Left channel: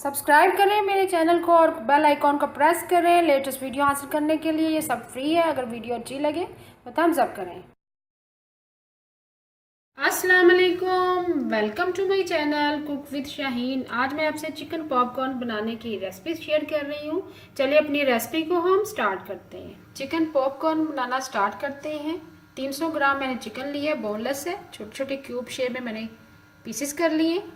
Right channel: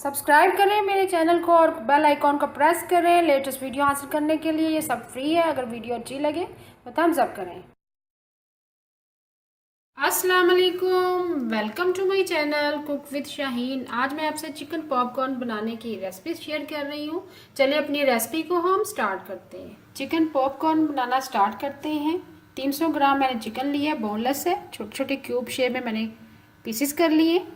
Subscribe करें मेरे channel को और बेल आइकॉन को प्रेस करें लेटेस्ट वीडियो हासिल करने के लिए। ये सब फ्री है। अगर वीडियो अच्छी लगे तो थम्स अप करें। अस्सलाम वालेकुम, welcome to my channel cook with Shaheen. आज मैं आपसे चिकन पॉपकॉर्न बनाने की रेसिपी शेयर कर रही हूँ। चलिए अपनी रेसिपी को हम स्टार्ट करते हैं। चिकन पॉपकॉर्न बनाना स्टार्ट करते हैं। 300 ग्राम मैंने चिकन लिया, बोनलेस है। छोटे छोटे क्यूब शेप में मैंने पीसेस कर लिए।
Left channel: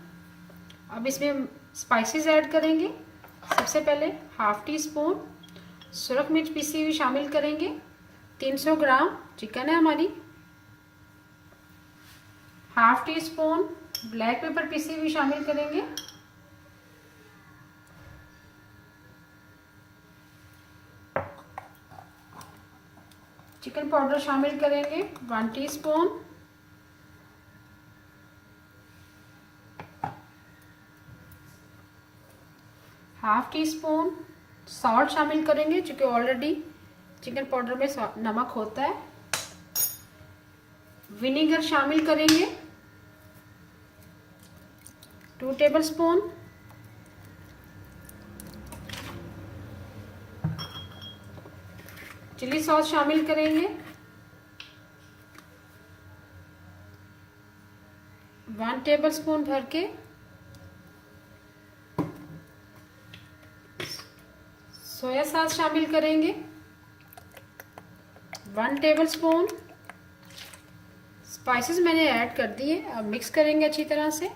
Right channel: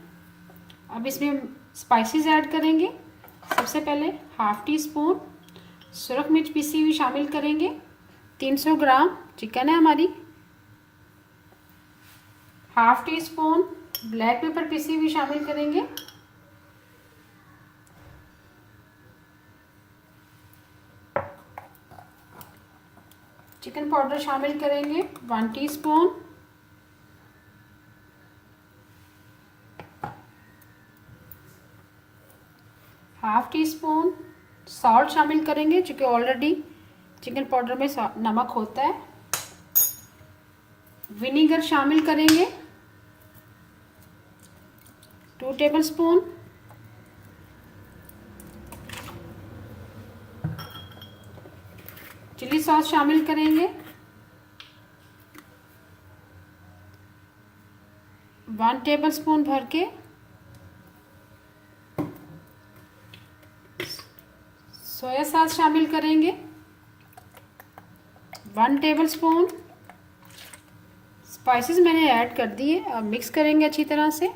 अब इसमें स्पाइसेस ऐड करेंगे। सबसे पहले हाफ टी स्पून सुरख मिर्च पीसी हुई शामिल करेंगे। 300 ग्राम चिकन है हमारी। Half tea spoon black pepper PC हुई शामिल करेंगे। चिकन पाउडर शामिल करेंगे 1 teaspoon. Half tea spoon salt शामिल करेंगे, क्योंकि ऑलरेडी चिकन पाउडर में नमक होता है। विनेगर शामिल करेंगे 2 टेबलस्पून। चिली सॉस शामिल करेंगे 1 टेबलस्पून भर के। सोया सॉस शामिल करेंगे 1 टेबलस्पून। स्पाइसेस मैंने ऐड कर दिए। अब मिक्स करेंगे अच्छी तरह से।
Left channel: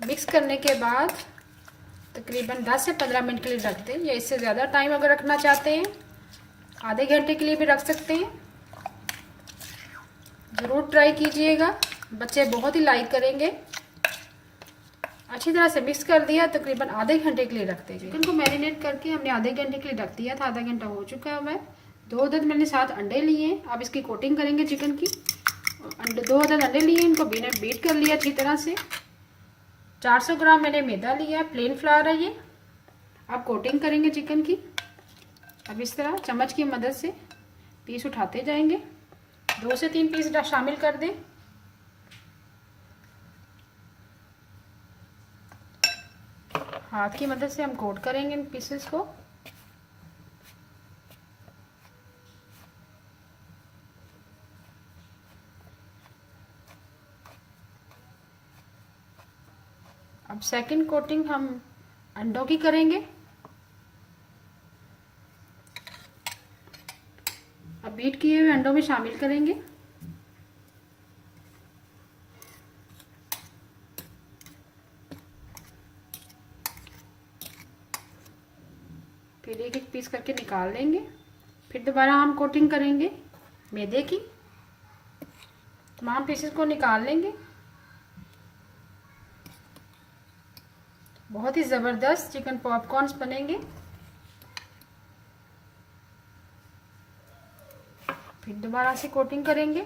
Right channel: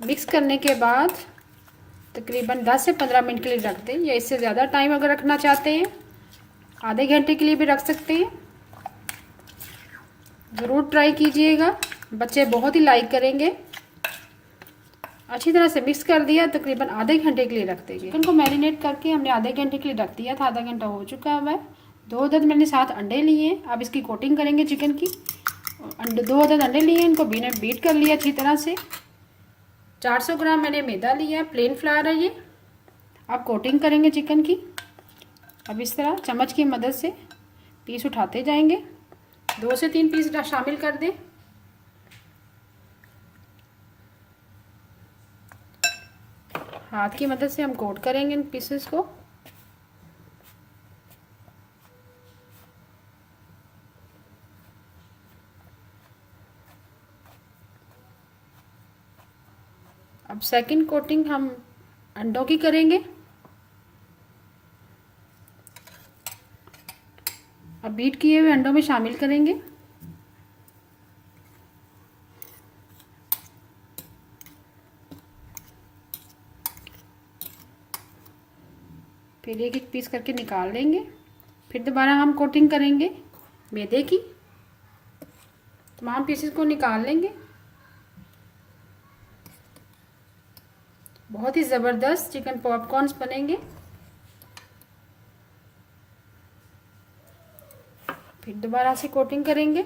मिक्स करने के बाद तकरीबन 10 से 15 मिनट के लिए रखते हैं, या इससे ज़्यादा टाइम अगर रखना चाहते हैं आधे घंटे के लिए भी रख सकते हैं। ज़रूर ट्राई कीजिएगा, बच्चे बहुत ही लाइक करेंगे। अच्छी तरह से मिक्स कर दिया, तकरीबन आधे घंटे के लिए रख दीजिए। चिकन को मैरिनेट करके हमने आधे घंटे के लिए रख दिया था। आधा घंटा हो चुका है। 2 अदद मैंने 7 अंडे लिए। अब इसकी कोटिंग करेंगे चिकन की। 2 अदद अंडे लिए, इनको बीट कर लिया अच्छी तरह से। 400 ग्राम मैंने मैदा लिया है, प्लेन फ्लावर है ये। अब कोटिंग करेंगे चिकन की। अब इस तरह चम्मच की मदद से पीस उठाते जाएंगे। 2 से 3 पीस शामिल कर दें। हाथ की मदद से हम कोट करेंगे इन पीसेस को। अब सेकंड कोटिंग हम अंडों की करेंगे। अब बीट किए हुए अंडों में शामिल करेंगे। फिर एक एक पीस करके निकाल लेंगे। फिर दोबारा हम कोटिंग करेंगे मैदे की। तमाम पीसेस को निकाल लेंगे। बहुत ही ज़बरदस्त चिकन पॉपकॉर्न्स बनेंगे। फिर दोबारा से कोटिंग करेंगे।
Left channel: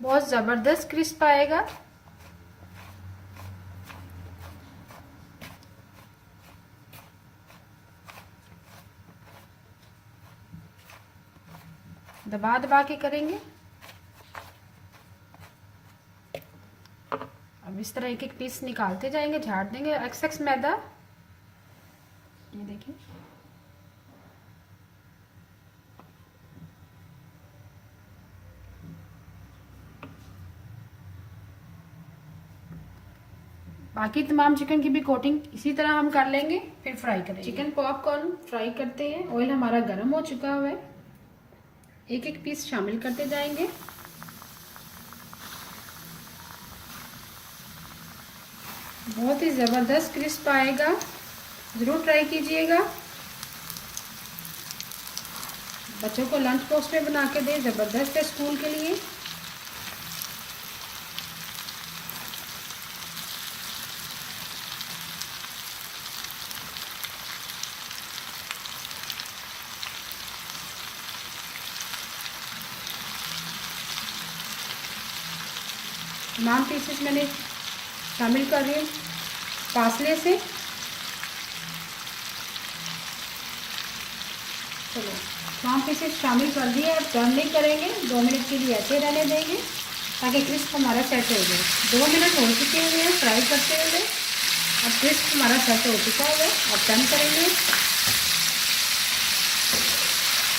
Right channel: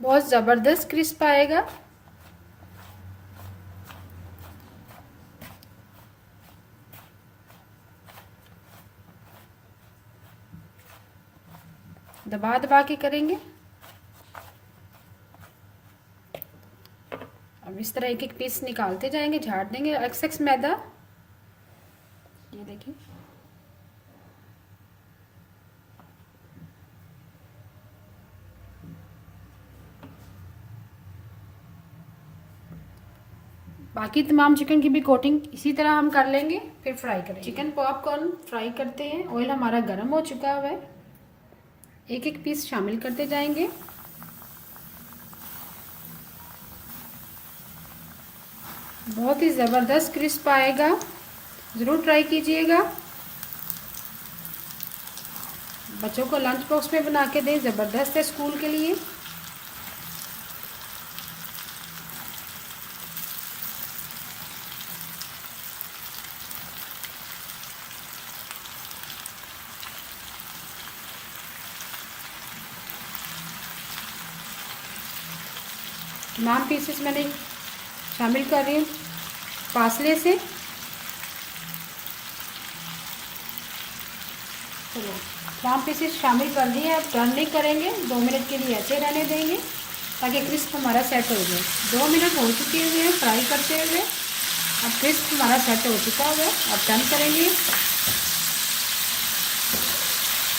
बहुत ज़बरदस्त क्रिस्प आएगा। दबा दबा के करेंगे। अब इस तरह एक एक पीस निकालते जाएंगे, झाड़ देंगे एक्सेस मैदा। ये देखिए, बाकी तमाम चिकन की भी कोटिंग इसी तरह हम कर लेंगे। फिर फ्राई करेंगे। चिकन पॉपकॉर्न फ्राई करते हैं। ऑयल हमारा गर्म हो चुका हुआ है। एक एक पीस शामिल करते जाएंगे। बहुत ही ज़बरदस्त क्रिस्प आएगा, ज़रूर ट्राई कीजिएगा। बच्चों को लंच बॉक्स में बना के दें, ज़बरदस्त है स्कूल के लिए। तमाम पीसेस मैंने शामिल कर रही हूँ फासले से। चलो तमाम पीसेस शामिल कर दिए। अब टर्न नहीं करेंगे, 2 मिनट के लिए ऐसे रहने देंगे ताकि क्रिस्प हमारा सेट हो जाए। 2 मिनट हो चुके हुए हैं फ्राई करते हुए। अब क्रिस्प हमारा सेट हो चुका है। अब टर्न करेंगे।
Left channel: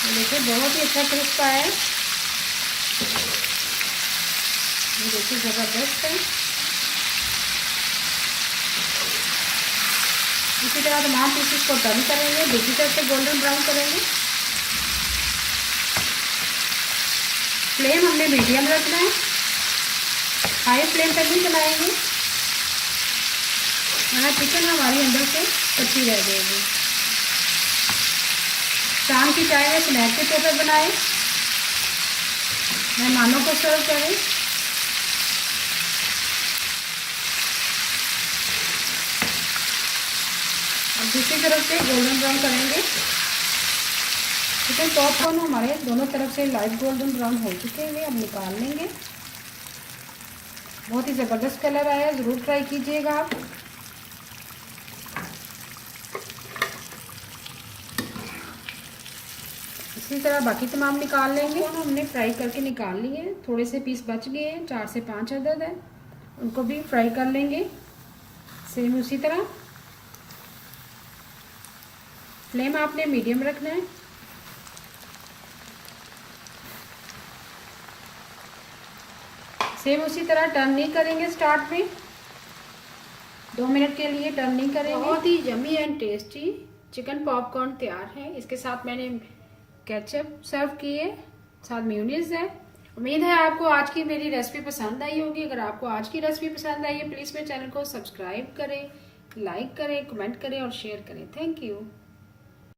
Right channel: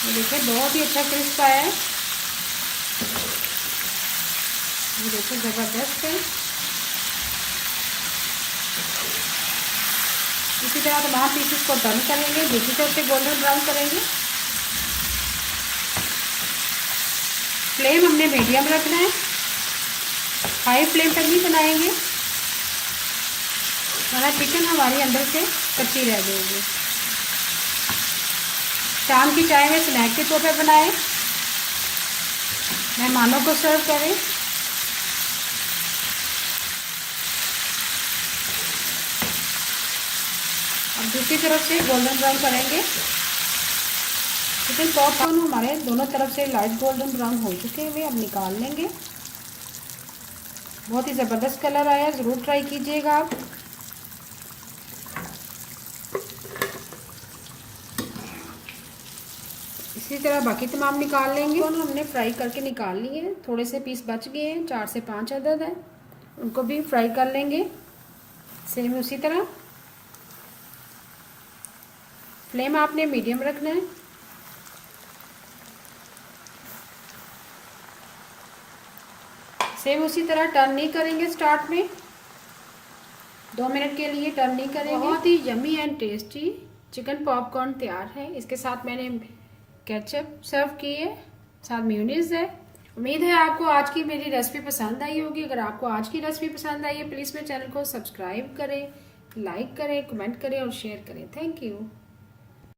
ये देखिए बहुत ही अच्छा क्रिस्प आया है। ये देखिए ज़बरदस्त है। इसी तरह तमाम पीसेस को टर्न करेंगे, दूसरी तरफ से गोल्डन ब्राउन करेंगे। फ्लेम हमने मीडियम रखना है, हाई फ्लेम पर नहीं बनाएंगे वरना चिकन हमारी अंदर से कच्ची रह जाएगी। शाम की चाय में स्नैक के तौर पर बनाएं, मेहमानों को सर्व करें। अब दूसरी तरफ से गोल्डन ब्राउन करेंगे। चिकन पॉपकॉर्न हमारे दोनों तरफ से लाइट गोल्डन ब्राउन हो चुके हैं। अब निकाल लेंगे। बहुत ही ज़बरदस्त कलर आया है, ज़रूर ट्राई कीजिएगा आप। इसी तरह बाकी तमाम निकाल लेंगे। दोनों हमने फ्राई करके निकाल लिए। थोड़े से पीस बच गए हैं, 4 से 5 अदद है, उनको भी फ्राई कर लेंगे सेम उसी तरह। फ्लेम आपने मीडियम रखना है। सेम उसी तरह टर्न नहीं करेंगे स्टार्ट में, 2 मिनट के लिए टर्न नहीं करेंगे। बहुत ही yummy and tasty chicken popcorn तैयार है। इसके साथ मैंने केचप सर्व किए, साथ मेयोनीज है। उम्मीद है आपको आज की मेरी रेसिपी पसंद आई होगी। अगर आपको आज की रेसिपी पसंद आई है प्लीज़ मेरे चैनल को सब्सक्राइब करें, लाइक करें, कमेंट करें और शेयर करें। Thank you.